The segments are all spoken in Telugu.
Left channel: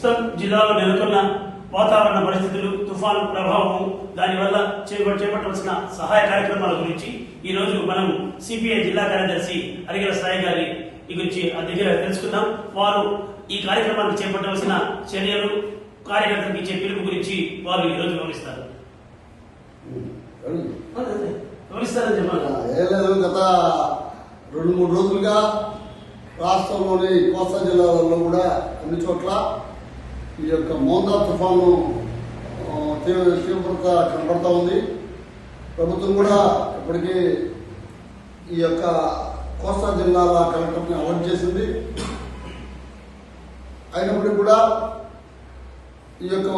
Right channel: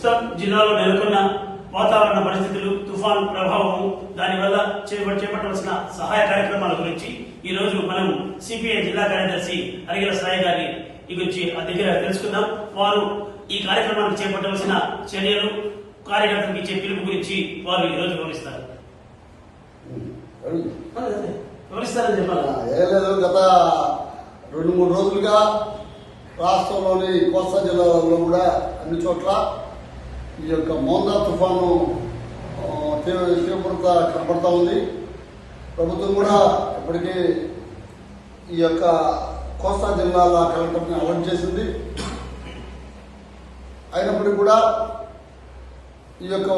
ప్రస్తుతం జిల్లాలో నెలకొన్న వాతావరణ పరిస్థితులు, తుఫాను ప్రభావం, దానివల్ల చేపట్టవలసిన సహాయ కార్యక్రమాల గురించి ఈ రోజు మనం సిపిఐ జిల్లా కార్యదర్శి అరిగల సాయి గారి గురించి దగ్గర తెలుసుకుందాం. వారు ఈ కార్యక్రమానికి చేపట్టవలసిన చర్యలు, కార్యకర్తలకు ఇచ్చే పిలుపు గురించి వారు ఈ రోజు వివరిస్తారు. వివరిస్తారని చెప్పాలి. గత 2-3 రోజులుగా రాష్ట్రంలోని కోస్తా జిల్లాలలో కూడా అన్ని చోట్ల ఈ యొక్క మోందా తుఫాను తీవ్రత కనబడతా ఉంది. ప్రభుత్వం కూడా ఇప్పటికీ ఈ యొక్క కోస్తా జిల్లాల కలెక్టర్ని అవార్డు చేసింది. అయినప్పటికీ కూడా ఈ యొక్క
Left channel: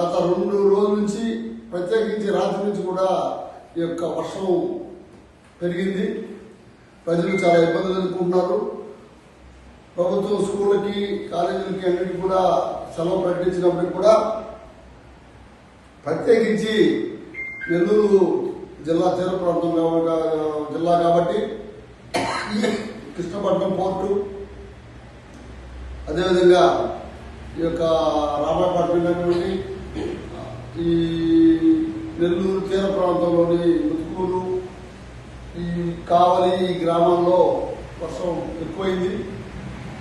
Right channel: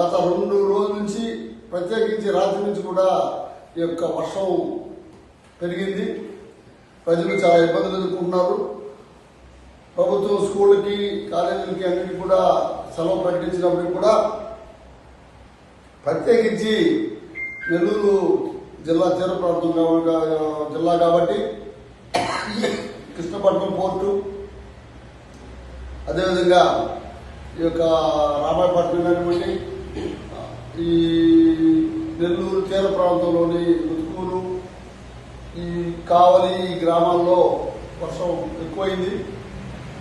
గత 2 రోజుల నుంచి, ప్రత్యేకించి రాత్రి నుంచి కూడా ఈ యొక్క వర్షం పెరిగింది. ప్రజలు చాలా ఇబ్బందులు ఎదుర్కొంటున్నారు. ప్రభుత్వం స్కూళ్ళకి, కాలేజీలకి అన్నిటికీ కూడా సెలవు ప్రకటించినప్పటికీ కూడా ప్రత్యేకించి నెల్లూరు జిల్లా తీర ప్రాంతం జిల్లా కాబట్టి కృష్ణపట్నం పోర్టు, అదేవిధంగా ఈ యొక్క రామాయపట్నం కానివ్వండి, ఈ నెల్లూరు తీర ప్రాంతంలోని ముతుకూరు, ఈ కావలి గ్రామాల్లో వర్షం ఎక్కువైంది.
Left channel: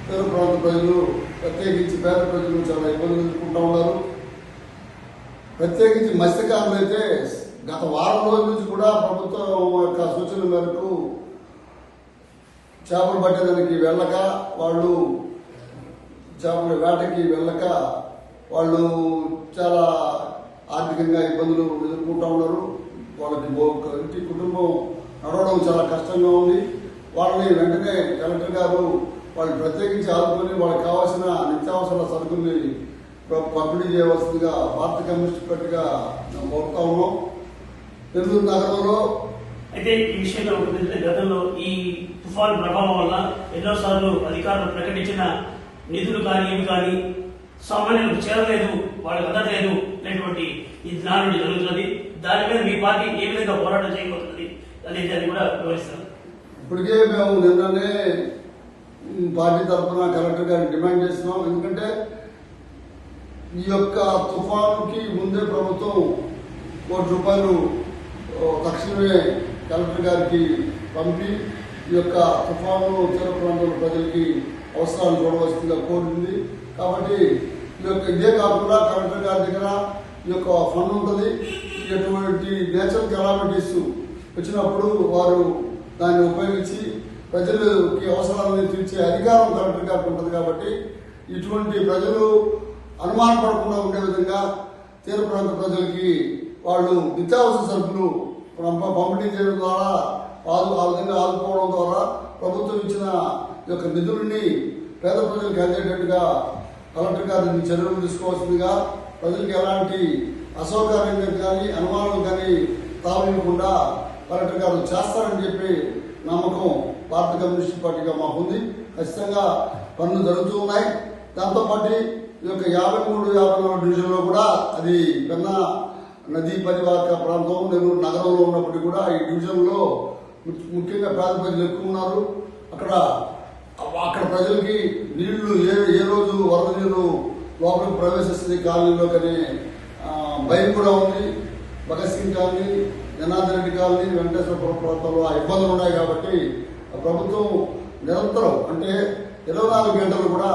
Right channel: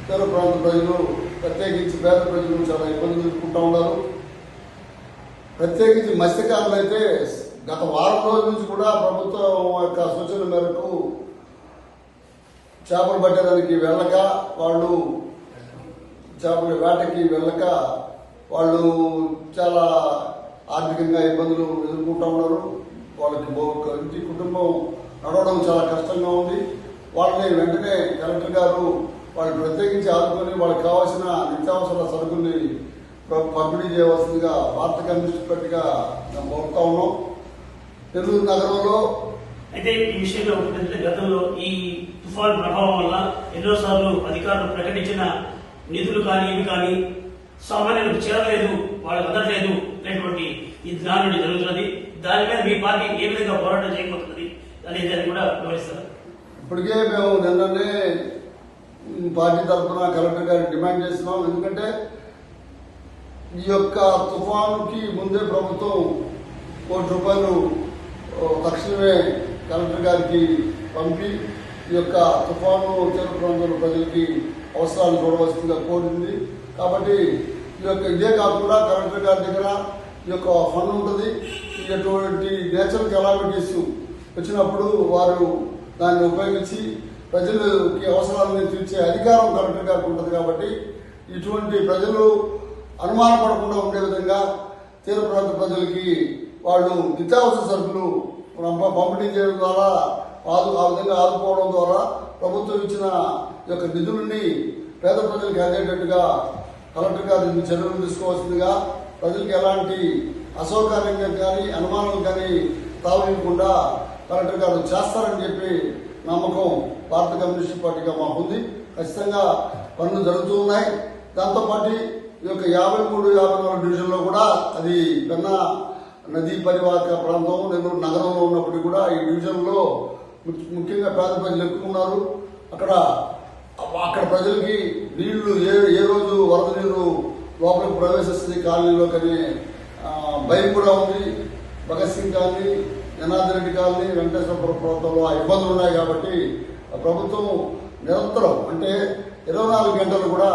తీర ప్రాంత ప్రజలు, ప్రత్యేకించి పేద ప్రజలు చాలా ఇబ్బందులు ఎదుర్కొంటూ ఉన్నారు. ప్రత్యేకించి మత్స్యకారులు అయితే గత వారం రోజుల నుంచి కూడా ప్రభుత్వం యొక్క సూచన మేరకు చేపలు పట్టేదానికి వెళ్ళక, వాళ్ళు చేపల వేటకి వెళ్ళక వాళ్ళు చాలా ఆర్థికంగా ఇబ్బందులు ఎదుర్కొంటూ ఉన్నారు. వాళ్ళకి కుటుంబం నడవడం చాలా కష్టంగా ఉంది. వాళ్ళని వెంటనే కలెక్టర్ గారు వాళ్ళు ప్రత్యేకించి ఆదుకొని వాళ్ళకి కావాల్సిన నిత్యావసర సరుకుల్ని పంపిణీ చేయవలసిందిగా భారత కమ్యూనిస్ట్ పార్టీగా మేము కోరుతా ఉన్నాం. నెల్లూరు నగరంలో అయితే ఈ విషయంలో గతంలో ఈ తుఫాను ప్రభావం వల్ల ఎన్నోసార్లు అధికారులు ప్రకటించిన నిధులు కానీ ఇవి కానీ సామాన్యులకు చేరలేదు, వాళ్ళకి అందట్లేదు అనేటువంటి ఈ జ్ఞానం జరుగుతున్నది. దాని మీద మీ పార్టీ ఏ విధంగా పోరాటం చేయబోతున్నది అనేది కూడా వివరిస్తారు. ఇప్పటికే మేము నిన్ననే పార్టీ తరఫున కలెక్టర్ గారికి డిమాండ్ చేస్తున్నాం. ఎందుకంటే ఈ యొక్క తుఫానుకి ముందే ప్రభుత్వం ₹1 కోటి తక్షణమే కలెక్టర్ గారికి పంపి ఈ యొక్క తుఫాను తీర ప్రాంతంలో ప్రజలకి అవసరాలు చూడవలసిందిగా కోరింది. కాబట్టి ఈ యొక్క ఇదే కాకుండా కలెక్టర్ గారి దగ్గర ఈ యొక్క ఫండ్ ఉంటుంది. ఇటువంటి నేచురల్ కెలామిటీస్ వచ్చినప్పుడు వారు దాన్ని ఉపయోగించి ప్రజలకి అవసరాలను తీర్చే అధికారం కలెక్టర్ గారికి ఉంటుంది. కాబట్టి ఇటువంటి ప్రజలు అనుమానపడకుండా ఉండే విధంగా తీర ప్రాంత ప్రజలకి వాళ్ళు నిత్యావసర సరుకులు పంపిణీ చేయడం ద్వారా, ఆ విధంగా ఆదుకోవడం ద్వారా ప్రభుత్వం ఇచ్చిన యొక్క నిధులని పేద ప్రజలకు అందేటట్టుగా కలెక్టర్ గారు చర్యలు తీసుకోవాల్సిందిగా, ప్రజలకు ఎలాంటి అసౌకర్యంగా కానీ అనుమానం కానీ తావివ్వకుండా కలెక్టర్ గారు చేస్తారని చెప్పి నమ్మకం భారత కమ్యూనిస్ట్ పార్టీగా మాకుంది. ఖచ్చితంగా పనులు జరుగుతూ ఉన్నాయి. దాంతోపాటు ఈ యొక్క 53-54 డివిజన్లో కూడా, అది పెన్నా నదీ పరివాహక ప్రాంతం నెల్లూరు నగరంలో ఉన్నప్పటికీ కూడా ఈ డివిజన్లో ముఖ్యంగా పేద ప్రజలు ఎక్కువ ఉన్నారు. అక్కడ ప్రజలకి నీళ్లు ఏ రోజు వరద నీరు లోపలికి ప్రవేశిస్తుంది కాలనీలో కానీ భయం కూడా ఉంది. భగత్ సింగ్ కాలనీ, జనార్దన్ రెడ్డి కాలనీ, వెంకటేశ్వరపురం ప్రాంతంలో ఆ ఇబ్బందులు ఉన్నాయి. కాబట్టి ప్రభుత్వం నిరంతరం, అంటే 24 గంటలు కూడా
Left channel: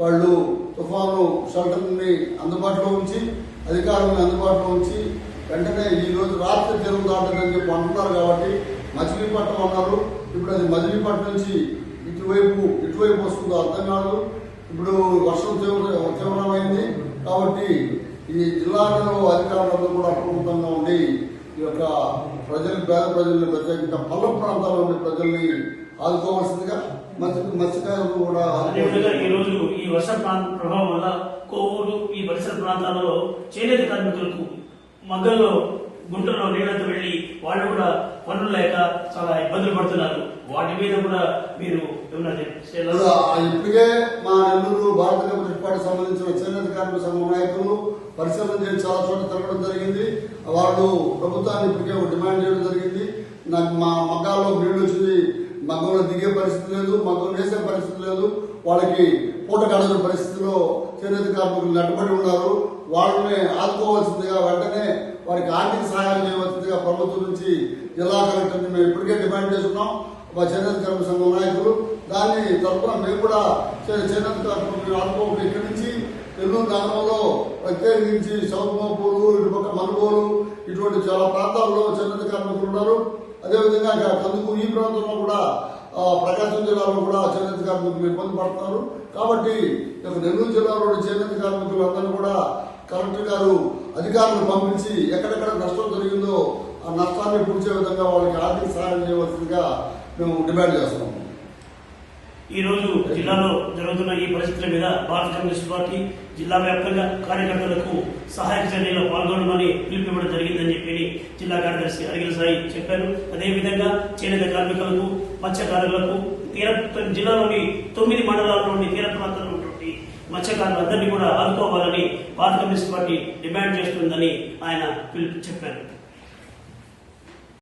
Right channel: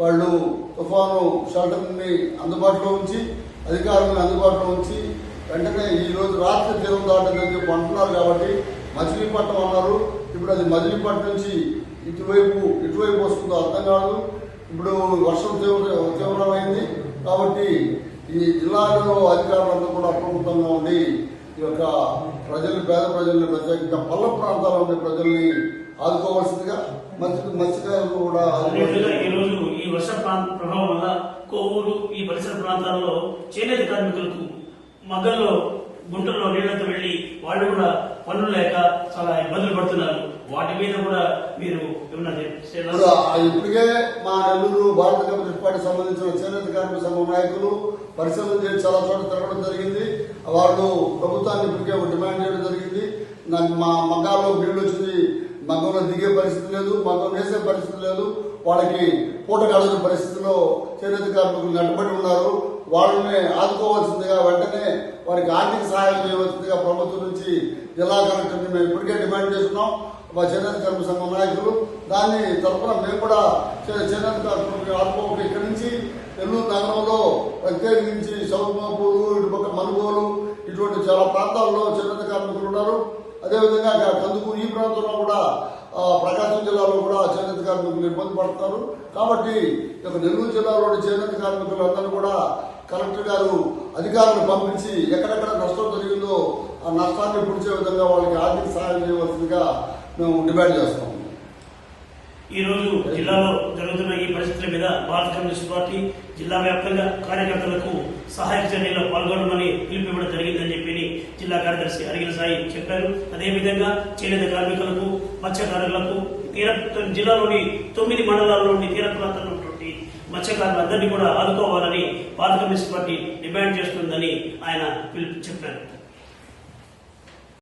వాళ్ళు తుఫాను షెల్టర్ని అందుబాటులో ఉంచి, అధికారులను అందుబాటులో ఉంచి వెంటనే ఈ రోజు రాత్రి తీరం దాటని చెప్పి అంటున్నారు. కాబట్టి మచిలీపట్నం అన్నారు, ఇప్పుడు అది మచిలీపట్నం నుంచి ఇటువైపు వస్తుందో అర్థం కాదు. ఇప్పుడు వర్షం తీవ్రమైంది. కాబట్టి ఈ జిల్లాలో అధికారులందరూ కూడా అప్రమత్తంగా ఉండి ఈ యొక్క పేద ప్రజల్ని, ప్రత్యేకంగా పల్ల ప్రాంతాల్లో ఉండే ప్రజల్ని ఆదుకోవాల్సిందిగా, మత్స్యకారులు కూడా ఈ రోజు ఈ వర్ష ప్రభావం వల్ల కోవూరు, ఈ పరిసర ప్రాంతాలలో చేనేత కార్మికులకు మగ్గల్లో గుంటల్లో నీళ్లతో వెళ్లి వాళ్ళు కూడా పనులు లేక చాలా ఇబ్బందులు పడుతున్నారు. వాటి మీద కూడా మీరు ఇప్పటికే మా నెల్లూరు భారత కమ్యూనిస్ట్ పార్టీ సంబంధించిన చేనేత కార్మిక సంఘం నాయకులు పరిశీలన చేసి చాలా చోట్ల తిరగడం జరిగింది. వాళ్ళు ప్రభుత్వాన్ని ఇప్పటికే ఒక డిమాండ్ చేయడం జరిగింది. మా మగ్గాల్లో నీళ్లు వచ్చింది, మగ్గంలో దిగే పరిస్థితి లేదు, మగ్గం వేసే పరిస్థితి లేదు. వాళ్ళకి పూట గడవని పరిస్థితుల్లో చేనేత కార్మికులు నట్టుబడి ఉన్నారు. వాళ్ళని ఆదుకోవాల్సిందిగా వెంటనే వారికి ఆర్థిక సహాయం చేయవలసిందిగా ప్రభుత్వం నుంచి జిల్లా కలెక్టర్ని మేము ఇప్పటికే డిమాండ్ చేస్తున్నాం. మా చేనేత కార్మిక సంఘం నాయకులు దాని తరఫున మేము కూడా చేనేత కార్మికులు ఆదుకోవాలి. ఇక్కడి నుంచి నెల్లూరు నగరంలో ప్రత్యేకించి సౌత్మాపూరు, ఇటు పక్క మనుగోలు ఇటువంటి చాలా ప్రాంతాల్లో చేనేత కార్మికులు ఉన్నారు. అదేవిధంగా కందుకూరు ఈ ప్రాంతంలో కూడా ప్రకాశం జిల్లాలో కూడా చేనేత కార్మికులు ఇబ్బంది పడుతున్నారు. కాబట్టి నెల్లూరు జిల్లాలోని చేనేత కార్మికులందరూ కూడా కలెక్టర్ గారు అధికారులను పంపించి ఎక్కడెక్కడ నష్టం జరిగిందో ఆ నష్టాన్ని పూడ్చే విధంగా వాళ్ళకి ఆర్థిక సహాయం చేయవలసిందిగా మేము డిమాండ్ చేస్తాం. ఈ రోజు జిల్లాలో జరుగుతున్న ఈ పరిస్థితుల మీద భారత కమ్యూనిస్ట్ పార్టీ జిల్లా వ్యాప్తంగా కార్యకర్తలకు సహాయక చర్యల్లో పాల్గొనమని పిలుపునివ్వడం జరిగిందని చెప్పి జిల్లా కార్యదర్శి అరిగిల సాయి చెప్పారు. అదేవిధంగా చేనేత కార్మికులకు, మత్స్యకారులకు, జిల్లాలోని 9 మండలాల్లోని తీర ప్రాంతాల్లో ఉన్నటువంటి మత్స్యకారులందరినీ కూడా ఆదుకోవాలని భారత కమ్యూనిస్ట్ పార్టీ డిమాండ్ చేస్తుందని ఆయన పిలుపు చెప్పారు.